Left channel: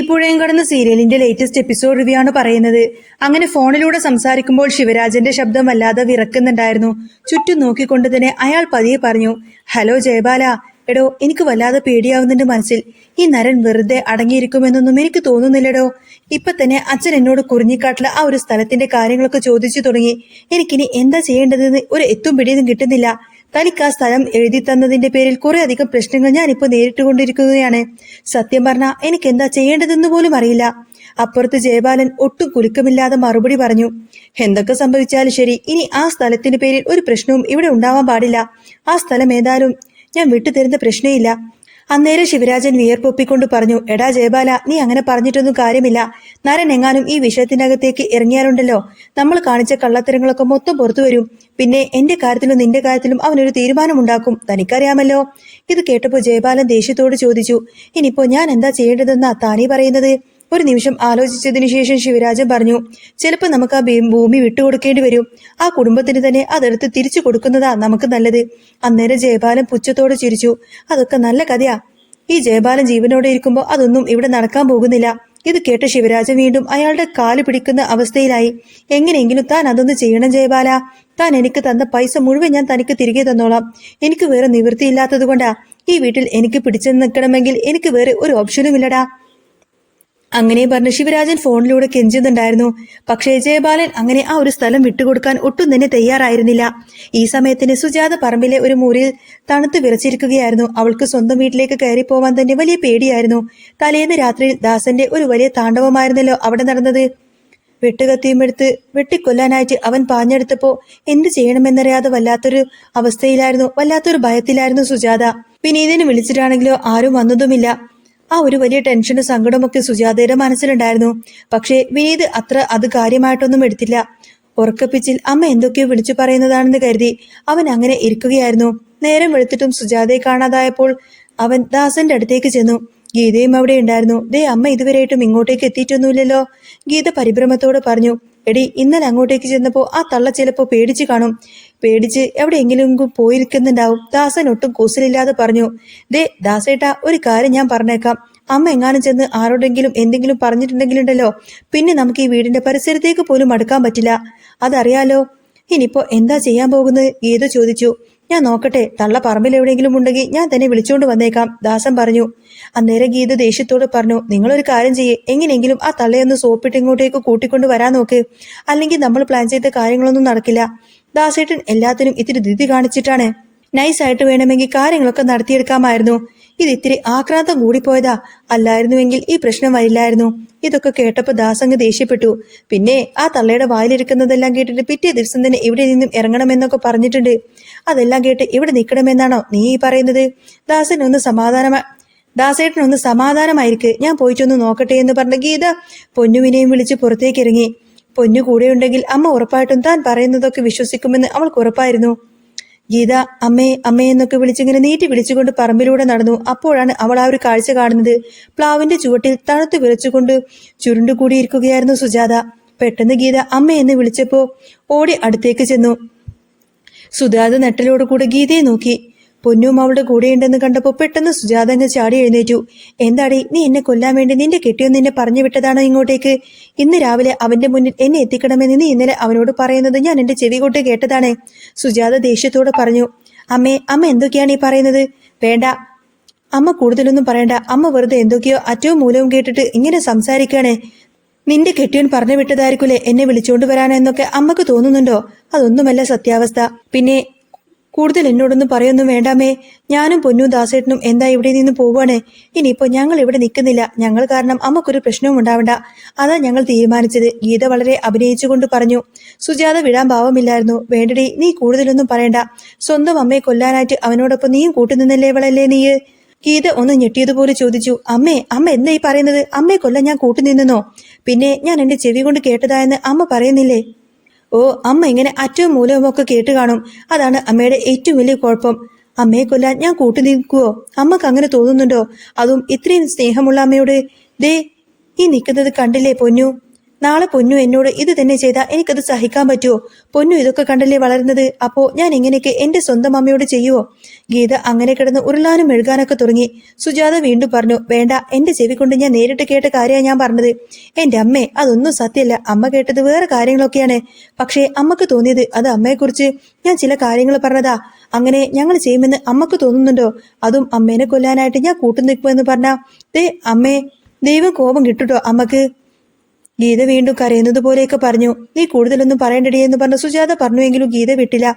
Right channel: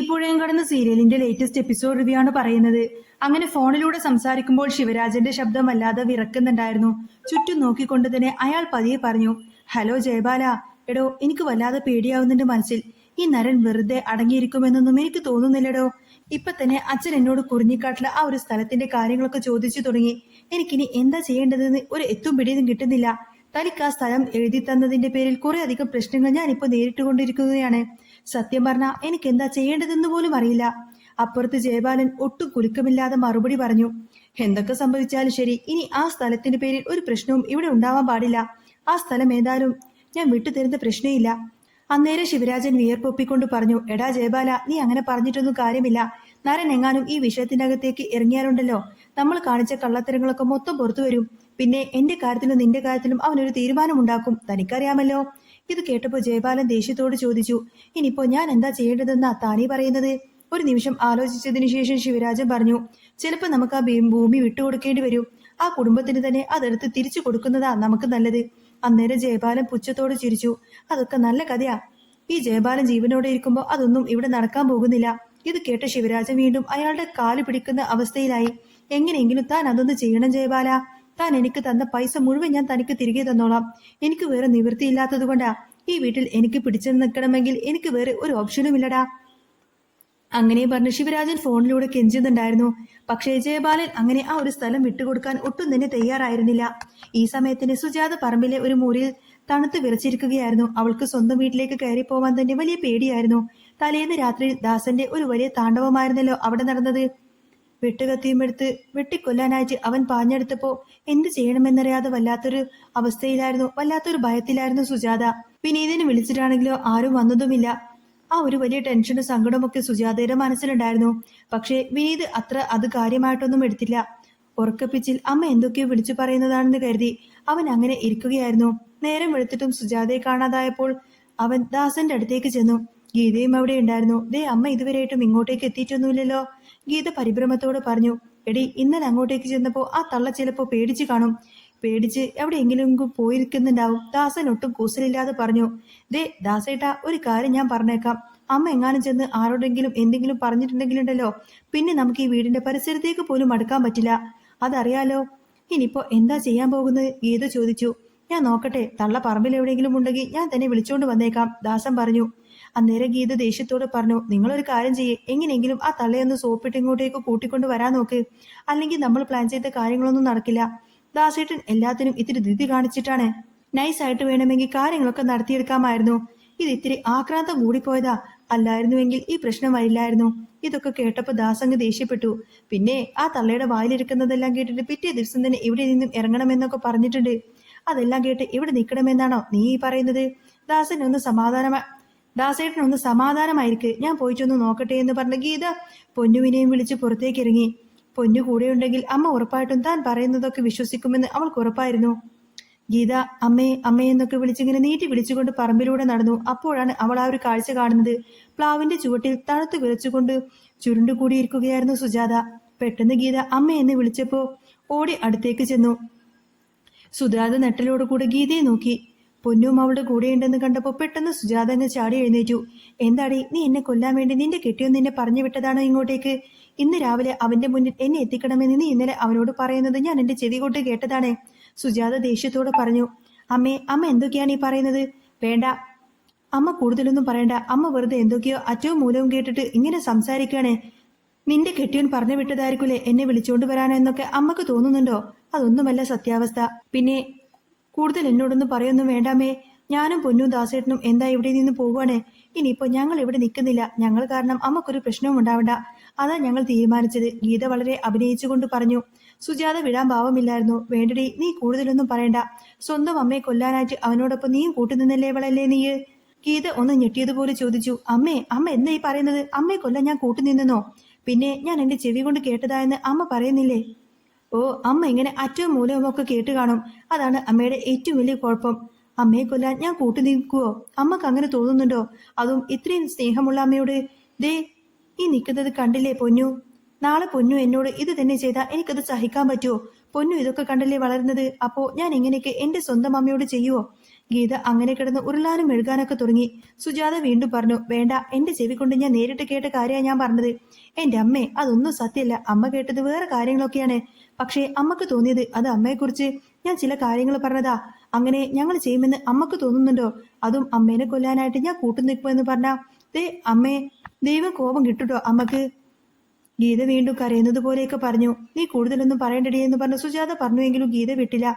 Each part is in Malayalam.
ഇപ്പോഴേം കടന്ന സീരിയലിന്റെ ലേറ്റസ്റ്റ് എപ്പിസോഡ് റിവ്യൂ ആണ് പറയുന്നത്. അങ്ങനെ ഫോണിലൂടെ സംസാരിക്കുമ്പോൾ ശിവരാജന്റെ ശബ്ദം വല്ലാതെ വിറക്കുന്നുണ്ടായിരുന്നു. ചുറ്റും നോക്കിക്കൊണ്ട് തന്നെ അയാൾ പതിയെ പറഞ്ഞു, ഹലോ ജയബാല. എടോ, എനിക്ക് വല്ലാതെ പേടിയാവുന്നുണ്ട് മനസ്സിൽ. ഈ നരൻ വെറുതെ അടങ്ങിയിരിക്കുമെന്നൊന്നും എനിക്ക് തോന്നുന്നില്ലടോ. ഇപ്പൊ തന്നെ അച്ഛൻ എന്നോട് കുറിഞ്ഞിക്കാട്ടിലെ ആ ഒരു സ്ഥലത്തിന്റെ കാര്യങ്ങളൊക്കെ ചോദിച്ചു തുടങ്ങി. എനിക്കിനി എന്താ ചെയ്യേണ്ടതെന്ന് ഒരു എത്തും പിടിയൊന്നും കിട്ടുന്നില്ല. തനിക്ക് ആ സ്ഥലം എഴുതി തന്നതിന്റെ പേരിൽ കുറെ അധികം പ്രശ്നങ്ങൾ ഞാനിപ്പോ നേരിട്ടുകൊണ്ടിരിക്കുകയാണ്. സത്യം പറഞ്ഞാൽ എനിക്ക് എന്താ ചെയ്യേണ്ടതെന്ന് പോലും അറിയില്ല. അപ്പുറത്ത് ജയബാലൻ ഒട്ടും കുലുക്കമില്ലാതെ മറുപടി പറഞ്ഞു, എന്തൊക്കെ സംഭവിച്ചാലും ശരി, ഇനി ആ സ്ഥലത്തിന്റെ പേരിൽ ഒരു പ്രശ്നവും ഇവിടെ ഉണ്ടാവാൻ പാടില്ല. ആ സ്ഥലം ഏതായാലും ഞാൻ വിട്ടുതരുന്ന പ്രശ്നമില്ല. അന്നേരം ശിവരാജൻ വിയർപ്പൊപ്പിക്കൊണ്ട് പറഞ്ഞു, എടാ ജയബാല, നീ അങ്ങനെ പറഞ്ഞിട്ടൊന്നും കാര്യമില്ല. നരൻ എങ്ങാനും ഈ വിഷയത്തിനകത്തേക്ക് ഇറങ്ങിയാലുണ്ടല്ലോ, നമ്മൾ കാണിച്ച കള്ളത്തരങ്ങളൊക്കെ മൊത്തം പുറത്തു വരും. പിന്നെ എന്റെ കാര്യത്തിലും നിന്റെ കാര്യത്തിലും അവനൊരു തീരുമാനമുണ്ടാക്കും. തനിക്കറിയാമല്ലോ. ഇത് കേട്ടപ്പോൾ ജയബാലൻ ദേഷ്യത്തോട് ചോദിച്ചു, ഇനിയിപ്പോ ഞാൻ എന്താ ചെയ്യേണ്ടതെന്നാ താനീ പറയുന്നത്? ഒരു നിമിഷം ആലോചിച്ചതിനു ശേഷം ശിവരാജൻ പറഞ്ഞു, ചിലപ്പോൾ നമുക്ക് ആ ഭൂമി വിട്ടുകൊടുക്കേണ്ടി വരും. ആ കുടുംബത്തിന് തന്നെ അതെടുത്ത് തിരിച്ചു കൊടുക്കുന്നതാ നമുക്ക് നല്ലത്. അന്നേരം ജയബാലൻ പുച്ഛത്തോട് ചിരിച്ചു, അതൊക്കെ നല്ല കഥയാ. ഈ ജയബാലൻ ജീവനോടെ ഇരിക്കുമ്പോൾ അതൊന്നും ഇവിടെ നടക്കാൻ പോകുന്നില്ല. ഇത് കേട്ട ശിവരാജൻ വീണ്ടും അയാളുടെ കാല് പിടിക്കുന്ന അവസ്ഥയിലായി. എങ്ങനെയെങ്കിലും താൻ അതൊന്ന് ചെയ്യണം ജയബാല. താൻ എനിക്ക് തന്ന പൈസ മുഴുവൻ ഞാൻ തനിക്ക് തിരികെ തന്നോളാം. എനിക്ക് വേറെ നിവൃത്തിയില്ലാത്തത് കൊണ്ടാ. ഈ വീട്ടിൽ എനിക്ക് പിടിച്ചു നിൽക്കണമെങ്കിൽ എനിക്ക് വേറെ ഒരു ഓപ്ഷനുമില്ലടാ. അങ്ങനെ പറഞ്ഞ് ശിവരാജൻ ഫോണിലൂടെ കെഞ്ചുന്നുണ്ടായിരുന്നു. പക്ഷേ ജയബാലൻ അങ്ങനെ ആ ഒരു സ്ഥലം വിട്ടുകൊടുക്കാൻ ഒട്ടും തന്നെ തയ്യാറായിരുന്നില്ല. ഈ സമയത്തിന് സുജാത പറമ്പിലെ ഒരു മുറിയിൽ തണുത്ത് വിറച്ചിരിക്കുകയായിരുന്നു. അവൾക്ക് സ്വന്തം വീട്ടിലേക്ക് കയറിപ്പോവാൻ തന്നെ വലിയ പേടിയായിരുന്നു. തലേന്ന് രാത്രിയിൽ ദാസന്റെ ഒരു വലിയ താണ്ഡവമായിരുന്നല്ലോ അവിടെ നടന്നത്. വെട്ടുകത്തിയും എടുത്ത് വെട്ടിക്കൊല്ലാനായിട്ട് അവൻ പാഞ്ഞെടുത്തപ്പോ എന്ത് ചെയ്യണമെന്നറിയാതെ വല്ലാത്തൊരു അവസ്ഥയിലായിരുന്നു, വല്ലാത്തൊരു ഭയത്തിലായിരുന്നു സുജാത. വിനീതിനെ വിളിച്ചിട്ടാണെങ്കിലോ ആരും വന്നതുമില്ല. ആ ഒരു വലിയ ടെൻഷനും സങ്കടമൊക്കെ സുജാതയുടെ മനസ്സിലുണ്ടായിരുന്നു. പക്ഷേ വിനീത് അത് കാര്യമായിട്ടൊന്നും എടുത്തില്ല. ഉറക്കപ്പിച്ചിൽ അമ്മ എന്തൊക്കെയോ വിളിച്ചു പറയുന്നതാണെന്ന് കരുതി അവൻ അങ്ങനെ ഇരിക്കുകയായിരുന്നു. നേരം വെളുത്തിട്ടും സുജാതയെ കാണാതായപ്പോൾ അവൻ ദാസന്റെ അടുത്തേക്ക് ചെന്നു. ഗീതയും അവിടെ ഉണ്ടായിരുന്നു. ദേ, അമ്മ ഇതുവരെയായിട്ടും ഇങ്ങോട്ടേക്ക് എത്തിയിട്ടൊന്നുമില്ലല്ലോ. ഗീത പരിഭ്രമത്തോടെ പറഞ്ഞു, എടി, ഇന്നലെ അങ്ങോട്ടേക്ക് ചെന്നപ്പോ ആ തള്ള ചിലപ്പോ പേടിച്ചു കാണും. പേടിച്ച് എവിടെയെങ്കിലും പോയിരിക്കുന്നുണ്ടാവും. ദാസൻ ഒട്ടും കൂസലില്ലാതെ പറഞ്ഞു, ദേ ദാസേട്ടാ, ഒരു കാര്യം ഞാൻ പറഞ്ഞേക്കാം. അമ്മ എങ്ങാനും ചെന്ന് ആരോടെങ്കിലും എന്തെങ്കിലും പറഞ്ഞിട്ടുണ്ടെങ്കിലുണ്ടല്ലോ, പിന്നെ നമുക്ക് ഈ വീടിന്റെ പരിസരത്തേക്ക് പോലും അടുക്കാൻ പറ്റില്ല. അതറിയാലോ. ഇനിയിപ്പോ എന്താ ചെയ്യാൻ പോകുന്നത്? ഗീത ചോദിച്ചു. ഞാൻ നോക്കട്ടെ, തള്ള പറമ്പിൽ എവിടെയെങ്കിലും ഉണ്ടെങ്കിൽ ഞാൻ തന്നെ വിളിച്ചോണ്ട് വന്നേക്കാം, ദാസൻ പറഞ്ഞു. അന്നേരം ഗീത ദേഷ്യത്തോട് പറഞ്ഞു, നിങ്ങളൊരു കാര്യം ചെയ്യേ, എങ്ങനെയെങ്കിലും ആ തള്ളയൊന്ന് സോപ്പിട്ട് ഇങ്ങോട്ടേക്ക് കൂട്ടിക്കൊണ്ട് വരാൻ നോക്ക്. അല്ലെങ്കിൽ നമ്മൾ പ്ലാൻ ചെയ്ത കാര്യങ്ങളൊന്നും നടക്കില്ല. ദാസേട്ടൻ എല്ലാത്തിനും ഇത്തിരി ധൃതി കാണിച്ചിട്ടാണ്. നൈസായിട്ട് വേണമെങ്കിൽ കാര്യങ്ങളൊക്കെ നടത്തിയെടുക്കാമായിരുന്നു. ഇത് ഇത്തിരി ആക്രാന്തം കൂടിപ്പോയതാ. അല്ലായിരുന്നുവെങ്കിൽ ഈ പ്രശ്നം വരില്ലായിരുന്നു. ഇതൊക്കെ കേട്ടപ്പോൾ ദാസങ്ങ് ദേഷ്യപ്പെട്ടു. പിന്നെ ആ തള്ളയുടെ വായിലിരിക്കുന്നതെല്ലാം കേട്ടിട്ട് പിറ്റേ ദിവസം തന്നെ ഇവിടെ നിന്നും ഇറങ്ങണമെന്നൊക്കെ പറഞ്ഞിട്ടുണ്ട്. അതെല്ലാം കേട്ട് ഇവിടെ നിൽക്കണമെന്നാണോ നീ ഈ പറയുന്നത്? ദാസേട്ടനൊന്ന് സമാധാനമായിരിക്ക്, ഞാൻ പോയിട്ടൊന്ന് നോക്കട്ടെ എന്ന് പറഞ്ഞ ഗീത പൊന്നുവിനെയും വിളിച്ച് പുറത്തേക്ക് ഇറങ്ങി. പൊന്നു കൂടെയുണ്ടെങ്കിൽ അമ്മ ഉറപ്പായിട്ടും താൻ പറയുന്നതൊക്കെ വിശ്വസിക്കുമെന്ന് അവൾക്ക് ഉറപ്പായിരുന്നു. ഗീത അമ്മേ അമ്മേ എന്നൊക്കെ വിളിച്ചിങ്ങനെ നീട്ടി വിളിച്ചുകൊണ്ട് പറമ്പിലൂടെ നടന്നു. അപ്പോഴാണ് അവൾ ആ ഒരു കാഴ്ച കാണുന്നത്. പ്ലാവിന്റെ ചുവട്ടിൽ തണുത്ത് വിറച്ചുകൊണ്ട് ചുരുണ്ടുകൂടിയിരിക്കുകയായിരുന്നു സുജാത. പെട്ടെന്ന് ഗീത അമ്മ എന്ന് വിളിച്ചപ്പോ ഓടി അടുത്തേക്ക് ചെന്നു. സുജാത നെട്ടലോടുകൂടെ ഗീതയെ നോക്കി. പൊന്നും അവളുടെ കൂടെയുണ്ടെന്ന് കണ്ടപ്പോൾ പെട്ടെന്ന് സുജാത അങ്ങ് ചാടി എഴുന്നേറ്റു. എന്താടി, നീ എന്നെ കൊല്ലാൻ വേണ്ടി നിന്റെ കെട്ടിയോ നിന്നെ പറഞ്ഞു വിട്ടതാണോ ഇങ്ങോട്ടേക്ക്? ഇന്ന് രാവിലെ അവന്റെ മുന്നിൽ എന്നെ എത്തിക്കണമെന്ന് നീ ഇന്നലെ അവനോട് പറയുന്നത് ഞാൻ എന്റെ ചെവി കൊണ്ട് കേട്ടതാണ്. സുജാത ദേഷ്യത്തോടെ പറഞ്ഞു. അമ്മ എന്തൊക്കെയാണ് ഈ പറയുന്നത്? വേണ്ട അമ്മ, കൂടുതലൊന്നും പറയണ്ട. അമ്മ വെറുതെ എന്തൊക്കെയോ അറ്റവും മൂലവും കേട്ടിട്ട് ഇങ്ങനെ സംസാരിക്കുകയാണ്. നിന്റെ കെട്ടിയോൻ പറഞ്ഞു വിട്ടതായിരിക്കൂലേ എന്നെ വിളിച്ചോണ്ട് വരാനെന്നൊക്കെ അമ്മക്ക് തോന്നുന്നുണ്ടോ? അതൊന്നുമല്ല സത്യാവസ്ഥ. പിന്നെ കൂടുതൽ എന്നോടൊന്നും പറയൊന്നും വേണ്ടാമേ. ഞാനും പൊന്നും ദാസേട്ടനും എന്താ ഇവിടെ നിന്ന് പോവാണ്. ഇനിയിപ്പോ ഞങ്ങൾ ഇവിടെ നിൽക്കുന്നില്ല. ഞങ്ങൾ കാരണം അമ്മക്കൊരു പ്രശ്നവും ഉണ്ടാവണ്ട. അതാ ഞങ്ങൾ തീരുമാനിച്ചത്. ഗീത വളരെ അഭിനയിച്ചുകൊണ്ട് പറഞ്ഞു. സുജാത വിടാൻ ഭാവമില്ലായിരുന്നു. വേണ്ടടി, നീ കൂടുതലൊന്നും പറയണ്ട. സ്വന്തം അമ്മയെ കൊല്ലാനായിട്ട് അവനോടൊപ്പം നീയും കൂട്ടുനിന്നല്ലേ ഇവളല്ലേ നീ? ഗീത ഒന്ന് ഞെട്ടിയതുപോലെ ചോദിച്ചു. അമ്മ എന്താ ഈ പറയുന്നത്? അമ്മയെ കൊല്ലാൻ ഞാൻ കൂട്ടുനിന്നോ? പിന്നെ ഞാൻ എന്റെ ചെവി കൊണ്ട് കേട്ടതായെന്ന് അമ്മ പറയുന്നില്ലേ? ഓ, അമ്മ ഇങ്ങനെ അറ്റവും മൂലവും ഒക്കെ കേട്ട് കാണും. അതാണ് അമ്മയുടെ ഏറ്റവും വലിയ കുഴപ്പം. അമ്മയെ കൊല്ലാൻ ഞാൻ കൂട്ടു നിൽക്കുവോ? അമ്മക്ക് അങ്ങനെ തോന്നുന്നുണ്ടോ? അതും ഇത്രയും സ്നേഹമുള്ള അമ്മയോട്? ദേ, ഈ നിൽക്കുന്നത് കണ്ടില്ലേ പൊന്നു? നാളെ പൊന്നു എന്നോട് ഇത് തന്നെ ചെയ്താൽ എനിക്കത് സഹിക്കാൻ പറ്റുമോ? പൊന്നു ഇതൊക്കെ കണ്ടല്ലേ വളരുന്നത്. അപ്പോ ഞാൻ ഇങ്ങനെയൊക്കെ എന്റെ സ്വന്തം അമ്മയോട് ചെയ്യുവോ? ഗീത അങ്ങനെ കിടന്ന് ഉരുളാനും മെഴുകാനൊക്കെ തുടങ്ങി. സുജാത വീണ്ടും പറഞ്ഞു, വേണ്ട, എന്റെ ചെവി കൊണ്ട് ഞാൻ നേരിട്ട് കേട്ട കാര്യമാണ് ഞാൻ പറഞ്ഞത്. എന്റെ അമ്മേ, അതൊന്നും സത്യമല്ല. അമ്മ കേട്ടത് വേറെ കാര്യങ്ങളൊക്കെയാണ്. പക്ഷേ അമ്മക്ക് തോന്നിയത് അത് അമ്മയെക്കുറിച്ച് ഞാൻ ചില കാര്യങ്ങൾ പറഞ്ഞതാ. അങ്ങനെ ഞങ്ങൾ ചെയ്യുമെന്ന് അമ്മക്ക് തോന്നുന്നുണ്ടോ? അതും അമ്മേനെ കൊല്ലാനായിട്ട് ഞാൻ കൂട്ടുനിൽക്കുമെന്ന് പറഞ്ഞാ ദേ അമ്മേ, ദൈവം കോപം കിട്ടുട്ടോ അമ്മക്ക്. ഗീത വീണ്ടും കരയുന്നത് പോലെയൊക്കെ പറഞ്ഞു. നീ കൂടുതലൊന്നും പറയണ്ടടി എന്ന് പറഞ്ഞ സുജാത പറഞ്ഞുവെങ്കിലും ഗീത വിട്ടില്ല.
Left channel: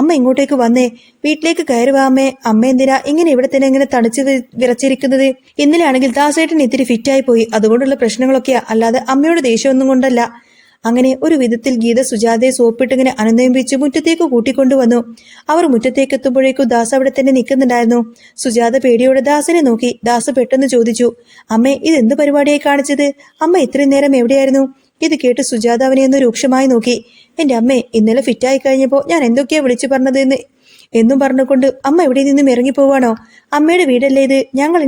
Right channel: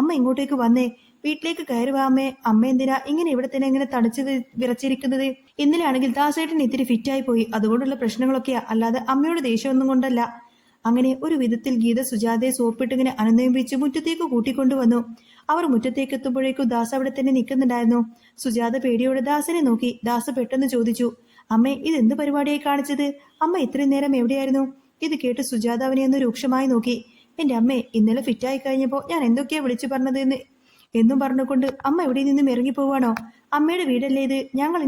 അമ്മ ഇങ്ങോട്ടേക്ക് വന്നേ, വീട്ടിലേക്ക് കയറുവാ അമ്മേ. അമ്മ എന്തിനാ ഇങ്ങനെ ഇവിടെ തന്നെ ഇങ്ങനെ തണിച്ച് വിറച്ചിരിക്കുന്നത്? ഇന്നലെ ആണെങ്കിൽ ദാസേട്ടൻ ഇത്തിരി ഫിറ്റായി പോയി, അതുകൊണ്ടുള്ള പ്രശ്നങ്ങളൊക്കെയാ, അല്ലാതെ അമ്മയോട് ദേഷ്യമൊന്നും കൊണ്ടല്ല. അങ്ങനെ ഒരു വിധത്തിൽ ഗീത സുജാതയെ സോപ്പിട്ടിങ്ങനെ അനുനയിപ്പിച്ച് മുറ്റത്തേക്ക് കൂട്ടിക്കൊണ്ടുവന്നു. അവർ മുറ്റത്തേക്ക് എത്തുമ്പോഴേക്കും ദാസ് അവിടെ തന്നെ നിൽക്കുന്നുണ്ടായിരുന്നു. സുജാത പേടിയോടെ ദാസനെ നോക്കി. ദാസ് പെട്ടെന്ന് ചോദിച്ചു, അമ്മേ, ഇതെന്ത് പരിപാടിയായി കാണിച്ചത്? അമ്മ ഇത്രയും നേരം എവിടെയായിരുന്നു? ഇത് കേട്ട് സുജാത അവനെ ഒന്ന് രൂക്ഷമായി നോക്കി. എന്റെ അമ്മേ, ഇന്നലെ ഫിറ്റായി കഴിഞ്ഞപ്പോൾ ഞാൻ എന്തൊക്കെയാ വിളിച്ചു പറഞ്ഞത് എന്നും പറഞ്ഞുകൊണ്ട് അമ്മ ഇവിടെ നിന്നും ഇറങ്ങിപ്പോവാണോ? അമ്മയുടെ വീടല്ലേ ഇത്? ഞങ്ങൾ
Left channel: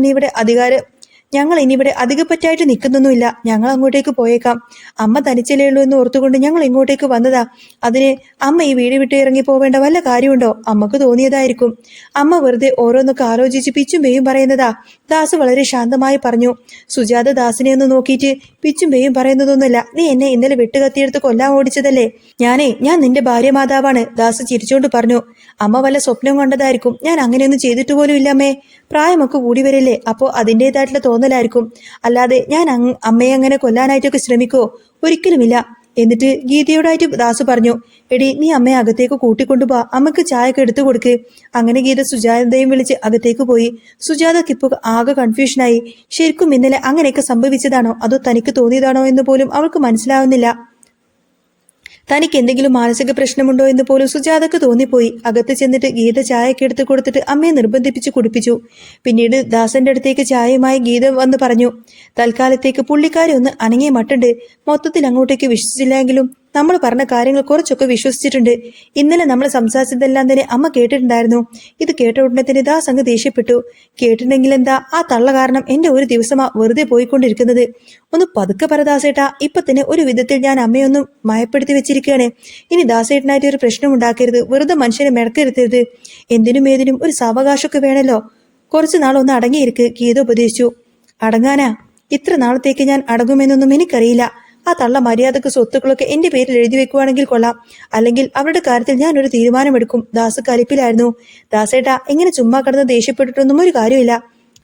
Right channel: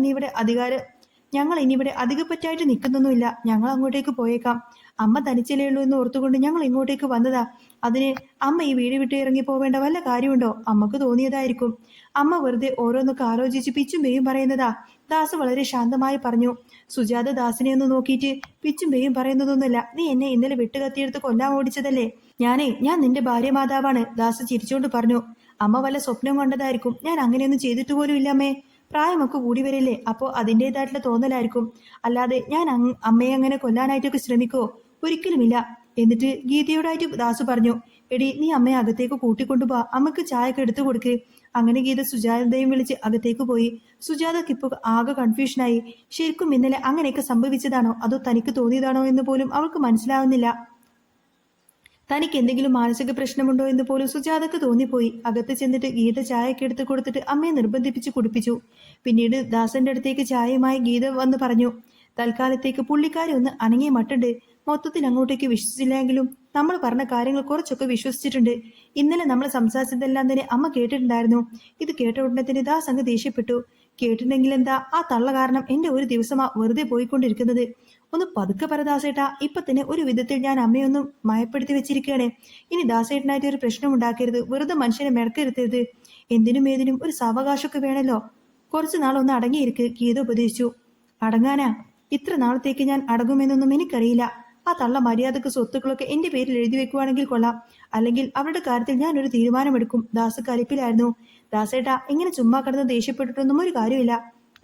ഇനി ഇവിടെ അധികപ്പറ്റായിട്ട് നിൽക്കുന്നൊന്നുമില്ല. ഞങ്ങൾ അങ്ങോട്ടേക്ക് പോയേക്കാം. അമ്മ തനിച്ചല്ലേ ഉള്ളൂ എന്ന് ഓർത്തുകൊണ്ട് ഞങ്ങൾ ഇങ്ങോട്ടേക്ക് വന്നതാ. അതിന് അമ്മ ഈ വീട് വിട്ട് ഇറങ്ങി പോവേണ്ട വല്ല കാര്യമുണ്ടോ? അമ്മക്ക് തോന്നിയതായിരിക്കും. അമ്മ വെറുതെ ഓരോന്നൊക്കെ ആലോചിച്ച് പിച്ചും പേയും പറയുന്നതാ. ദാസ് വളരെ ശാന്തമായി പറഞ്ഞു. സുജാത ദാസിനെ ഒന്ന് നോക്കിയിട്ട്, പിച്ചും പേയും പറയുന്നതൊന്നുമല്ല. നീ എന്നെ ഇന്നലെ വെട്ടുകത്തിയെടുത്ത് കൊല്ലാൻ ഓടിച്ചതല്ലേ? ഞാൻ നിന്റെ ഭാര്യ മാതാവാണ്. ദാസ് ചിരിച്ചോണ്ട് പറഞ്ഞു. അമ്മ വല്ല സ്വപ്നം കണ്ടതായിരിക്കും. ഞാൻ അങ്ങനെയൊന്നും ചെയ്തിട്ട് പോലും ഇല്ല അമ്മേ. പ്രായമൊക്കെ കൂടി വരില്ലേ, അപ്പോൾ അതിൻ്റെതായിട്ടുള്ള തോന്നലായിരിക്കും. അല്ലാതെ ഞാൻ അമ്മയെ അങ്ങനെ കൊല്ലാനായിട്ടൊക്കെ ശ്രമിക്കോ? ഒരിക്കലുമില്ല. എന്നിട്ട് ഗീതയോടായിട്ട് ദാസു പറഞ്ഞു, എടി, നീ അമ്മയെ അകത്തേക്ക് കൂട്ടിക്കൊണ്ടുപോ, അമ്മക്ക് ചായയൊക്കെ എടുത്തു കൊടുക്ക്. അങ്ങനെ ഗീത സുജാതയും വിളിച്ച് അകത്തേക്ക് പോയി. സുജാതയ്ക്ക് ഇപ്പോൾ ആകെ കൺഫ്യൂഷനായി. ശരിക്കും ഇന്നലെ അങ്ങനെയൊക്കെ സംഭവിച്ചതാണോ അതോ തനിക്ക് തോന്നിയതാണോ എന്ന് പോലും അവൾക്ക് മനസ്സിലാവുന്നില്ല. തനിക്ക് എന്തെങ്കിലും മാനസിക പ്രശ്നമുണ്ടോ എന്ന് പോലും സുജാതക്ക് തോന്നിപ്പോയി. അകത്ത് ചെന്നിട്ട് ഗീത ചായയൊക്കെ എടുത്ത് കൊടുത്തിട്ട് അമ്മയെ നിർബന്ധിപ്പിച്ച് കുടിപ്പിച്ചു. പിന്നീട് ദാസന്റെ അടുത്തേക്ക് ചായയുമായി ഗീത വന്ന് പറഞ്ഞു, തൽക്കാലത്തേക്ക് പുള്ളിക്കാരി ഒന്ന് അനങ്ങിയ മട്ടുണ്ട്. മൊത്തത്തിൽ അങ്ങോട്ടേക്ക് വിശ്വസിച്ചില്ലെങ്കിലും നമ്മൾ പറഞ്ഞ കാര്യങ്ങൾ കുറച്ചൊക്കെ വിശ്വസിച്ചിട്ടുണ്ട്. ഇന്നലെ നമ്മൾ സംസാരിച്ചതെല്ലാം തന്നെ അമ്മ കേട്ടിട്ടുണ്ടായിരുന്നു. ഇത് കേട്ട ഉടനെ തന്നെ ദാസ് അങ്ങ് ദേഷ്യപ്പെട്ടു. കേട്ടിട്ടുണ്ടെങ്കിൽ എന്താ, ആ തള്ള കാരണം എന്റെ ഒരു ദിവസമാ വെറുതെ പോയിക്കൊണ്ടിരിക്കുന്നത്. ഒന്ന് പതുക്കെ പറ ദാസേട്ടാ, ഇപ്പൊ തന്നെ ഒരു വിധത്തിൽ ഞാൻ അമ്മയൊന്നും മയപ്പെടുത്തി വെച്ചിരിക്കുകയാണ്. ഇനി ദാസേട്ടനായിട്ട് ഒരു പ്രശ്നം ഉണ്ടാക്കരുത്, വെറുതെ മനുഷ്യനെ മെടക്കരുത്തരുത്. എന്തിനും ഏതിനും ഒരു സാവകാശമൊക്കെ വേണമല്ലോ. കുറച്ചു നാളൊന്ന് അടങ്ങിയിരിക്ക്, ഗീത ഉപദേശിച്ചു. അടങ്ങാനാ? ഇത്ര നാളത്തേക്ക് ഞാൻ അടങ്ങുമെന്നൊന്നും എനിക്കറിയില്ല. ആ തള്ള മര്യാദക്ക് സ്വത്തുക്കളൊക്കെ എന്റെ പേരിൽ എഴുതി വെക്കുവാണെങ്കിൽ കൊള്ളാം. അല്ലെങ്കിൽ അവരുടെ കാര്യത്തിൽ ഞാൻ ഒരു തീരുമാനമെടുക്കും. ദാസ് കലിപ്പിലായിരുന്നു. ദാസേട്ടാ, ഇങ്ങനെ ചുമ്മാ കിടന്ന് ദേഷ്യപ്പെട്ടിട്ടൊന്നും ഒരു കാര്യമില്ല.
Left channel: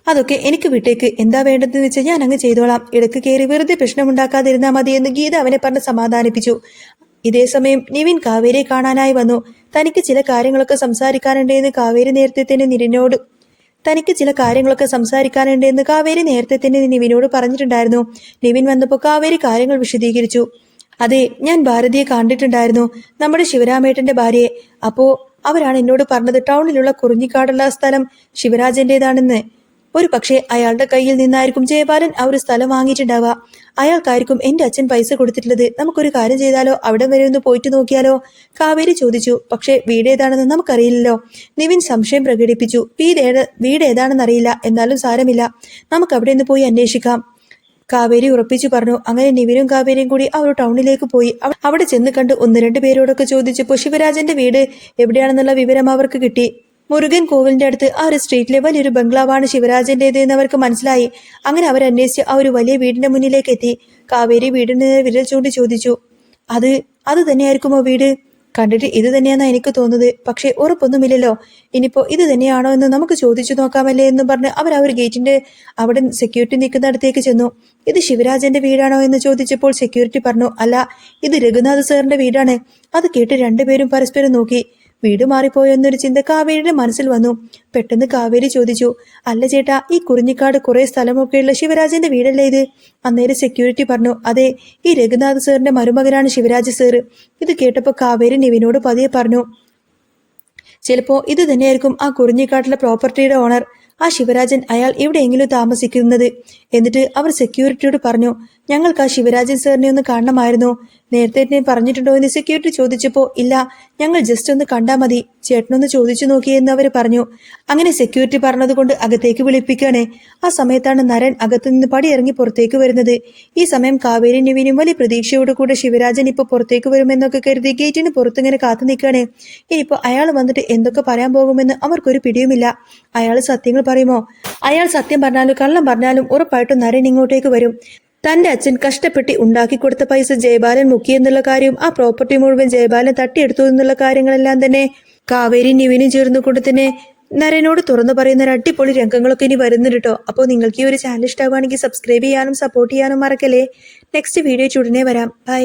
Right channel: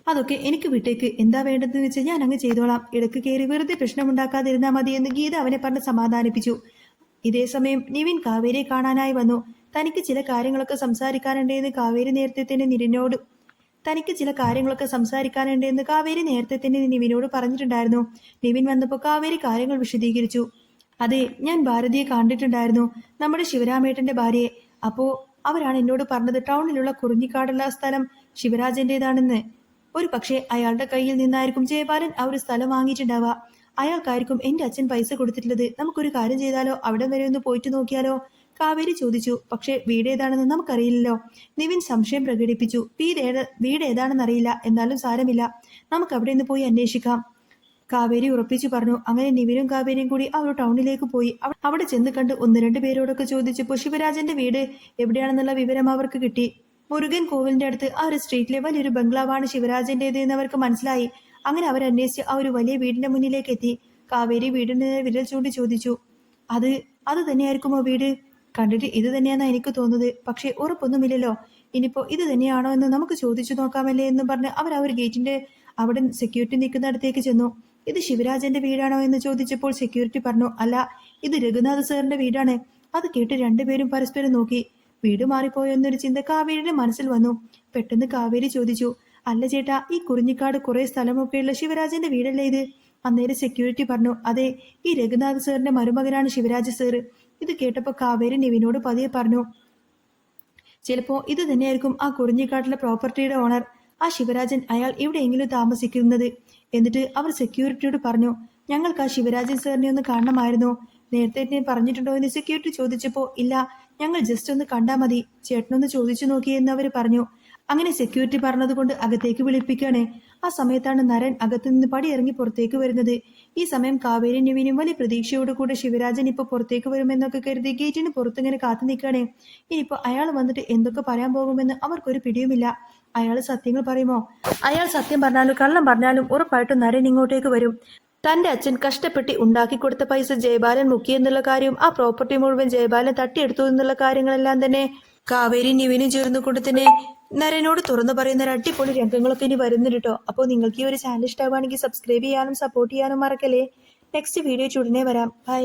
അതൊക്കെ എനിക്ക് വിട്ടേക്ക്. എന്താ വേണ്ടതെന്ന് വെച്ചാൽ ഞാൻ അങ്ങ് ചെയ്തോളാം. ഇടക്ക് കയറി വെറുതെ പ്രശ്നമുണ്ടാക്കാതിരുന്നാൽ മതി എന്ന് ഗീത അവനെ പറഞ്ഞ് സമാധാനിപ്പിച്ചു. ഇതേസമയം നിവിൻ കാവേരിയെ കാണാനായി വന്നു. തനിക്ക് ചില കാര്യങ്ങളൊക്കെ സംസാരിക്കാനുണ്ടെന്ന് കാവേരി നേരത്തെ തന്നെ നിവിനോട് പറഞ്ഞിട്ടുണ്ടായിരുന്നു. നിവിൻ വന്നപ്പോൾ കാവേരി കാര്യങ്ങൾ വിശദീകരിച്ചു. അതെ, ഞാൻ ഭാരതിയെ കണ്ടിട്ടുണ്ടായിരുന്നു, നമ്മുടെ ശിവരാമേട്ടന്റെ ഭാര്യയെ. അപ്പോ അവരാണ് എന്നോട് പറഞ്ഞത് ടൗണിലുള്ള കുറിഞ്ഞിക്കാടുള്ള സ്ഥലം ശിവരാജന്റേതാണെന്ന്. ഒരു പക്ഷേ അയാളുടെ കയ്യിൽ നിന്നായിരിക്കും ജയപാലൻ ആ ഒരു സ്ഥലം വാങ്ങിയിട്ടുണ്ടാവുക. അയാൾക്കായിരിക്കും എന്റെ അച്ഛൻ പൈസ കൊടുത്തിട്ടുള്ളത്. നമുക്കൊരു കാര്യം ചെയ്താലോ? അവിടെ വരെ ഒന്ന് പോയിട്ട് നോക്കിയാലോ? കാവേരി ചോദിച്ചു. പക്ഷേ വീട് ഏതാണെന്ന് നമുക്കറിയില്ലല്ലോ. നിവിൻ സംശയം പ്രകടിപ്പിച്ചു. വീട് ഏതാണെന്നറിയില്ല, എന്നാലും സാരമില്ല, നമുക്ക് അവിടെ നിന്ന് പോയി അന്വേഷിക്കാം. കാവേരി ഉറപ്പിച്ചു പറഞ്ഞു. അങ്ങനെ നിവിനും കാവേരിയും കൂടി അവർ ടൗണിലേക്ക് പോയി. അവിടെ ചെന്ന് കണ്ട് ഒന്ന് രണ്ട് പേരോടൊക്കെ ചോദിച്ചപ്പോൾ ശിവരാജന്റെ വീട് എവിടെയാണെന്നുള്ള വിവരം അവർക്ക് കിട്ടി. മുരുകൻ കോവിലിന്റെ അടുത്ത് ആ ഒരു സ്ട്രീറ്റിലെ വലിയൊരു ബംഗ്ലാവാണ് ശിവരാജന്റേത് എന്ന് അവർക്ക് മനസ്സിലായി. അങ്ങനെ അവരന്വേഷിച്ച് ആ ഒരു വലിയ വീടിന്റെ മുന്നിലേക്ക് എത്തി. കാവേരി വീടിന് വിരൽ ചൂണ്ടി ചോദിച്ചു, അത് തന്നെയായിരിക്കുമോ വീട്? കണ്ടിട്ട് ഇത് തന്നെയാണെന്നാ എനിക്ക് തോന്നുന്നത്, പക്ഷെ ഉറപ്പൊന്നുമില്ലല്ലോ. ഇനിയിപ്പോ ഇത് തന്നെയാണോ എന്ന് നമുക്ക് ചോദിച്ചു നോക്കാമല്ലേ എന്ന് പറഞ്ഞ് അവർ ആ ഒരു ഗേറ്റിന്റെ അവിടെ സെക്യൂരിറ്റി നിൽക്കുന്നിടത്തേക്ക് ചെന്നു. ഇത് ശിവരാജന്റെ വീടാണോ എന്ന് ചോദിച്ചപ്പോൾ സെക്യൂരിറ്റി പറഞ്ഞു, അല്ല, ഇത് രഘുനാഥ് സാറിന്റെ വീടാണ്. അത് കേട്ട് രണ്ടുപേരും പരസ്പരം നോക്കി. വീട് മാറിപ്പോയോ എന്നൊരു ചിന്ത കാവേരിയുടെ മനസ്സിൽ വന്നു. പെട്ടെന്ന് കാവേരി ചോദിച്ചു, അല്ല ചേട്ടാ, ഈ കുറിഞ്ഞിക്കാട് കുറെ സ്ഥലമൊക്കെയുള്ള ശിവരാജന്റെ വീടല്ലേ ഇത്? അന്നേരം സെക്യൂരിറ്റി പറഞ്ഞു, അതെ, ഈ രഘുനാഥ് സാറിന്റെ മരുമകനാണ് ശിവരാജ് സാറ്. ഇത് കേട്ടപ്പോൾ കാവേരി നിവിനോട് പതിയെ പറഞ്ഞു, ചിലപ്പോ ഇത് തന്നെയായിരിക്കും ആ കുറിഞ്ഞിക്കാട്ടിലെ പ്രോപ്പർട്ടിയുടെ ഓണർ. ആ ശിവരാജൻ അയാൾ എവിടെയെങ്കിലും താമസിക്കുന്നത്. എന്നിട്ട് അവർ സെക്യൂരിറ്റിയോട് പറഞ്ഞു, ഞങ്ങൾക്ക് ആ ശിവരാജൻ സാറിനെ ഒന്ന് കാണണമായിരുന്നു. നേരത്തെ എന്നെ പറഞ്ഞിട്ടുണ്ടോ എന്ന് സെക്യൂരിറ്റി ചോദിച്ചപ്പോൾ ഇല്ല, ഞങ്ങൾ ജസ്റ്റ് ഒന്ന് കണ്ടാൽ മതി, ചേട്ടനൊന്ന് ചോദിച്ചു നോക്കിയെന്ന് അവർ പറഞ്ഞു. അങ്ങനെ സെക്യൂരിറ്റി പറഞ്ഞതുകൊണ്ട് അകത്തേക്ക് വിളിപ്പിക്കുകയാണ്. ആ സമയത്താണ് നരൻ അകത്തു നിന്ന് പടിയിറങ്ങി പുറത്തേക്ക് വരുന്നത്. ഈ സമയം കാവേരി നിവിനും വലിയ പ്രതീക്ഷയോടുകൂടെ ശിവരാജൻ ഇപ്പോൾ പുറത്തേക്ക് വരുമെന്നൊക്കെ കരുതി ഗേറ്റിന് പുറത്തിങ്ങനെ കാത്തു നിൽക്കുകയാണ്. ഇനിയിപ്പോൾ അയാൾ വന്നിട്ട് എന്തൊക്കെ പറയാൻ പോകുമെന്ന് അവർക്കൊരു പിടിയുമില്ല. അയാൾ സത്യങ്ങൾ പറയുമോ? അയാൾ സത്യം പറഞ്ഞാലും കള്ളം പറഞ്ഞാലും ഉറപ്പായിട്ടും നരൻ ഇങ്ങോട്ടേക്ക് വരും. തന്റെ അച്ഛൻ കഷ്ടപ്പെട്ട് ഉണ്ടാക്കിക്കൊടുത്ത പൈസ ജയബാലൻ മുക്കിയെന്നുള്ള കാര്യവും ആ പ്രോപ്പർട്ടി മുഴുവൻ ജയബാലൻ തട്ടിയെടുത്തു എന്നുള്ള കാര്യങ്ങളെല്ലാം തന്നെ കാവേരി നിവിനും ചേർന്നുകൊണ്ട് തന്നെ നരനോട് തുറന്നു പറയുന്ന ഒരു അടിപൊളി രംഗങ്ങളൊക്കെ ഇനി വരുന്നുണ്ട് കേട്ടോ. അപ്പോൾ നിങ്ങൾക്ക് ഈ ഒരു ചാനൽ ഇഷ്ടമാവുകയാണെങ്കിൽ സബ്സ്ക്രൈബ് ചെയ്യാനും സപ്പോർട്ട് ചെയ്യാനും മറക്കല്ലേ. നെക്സ്റ്റ് വീഡിയോ ഉടനെ വരാം. ബൈ.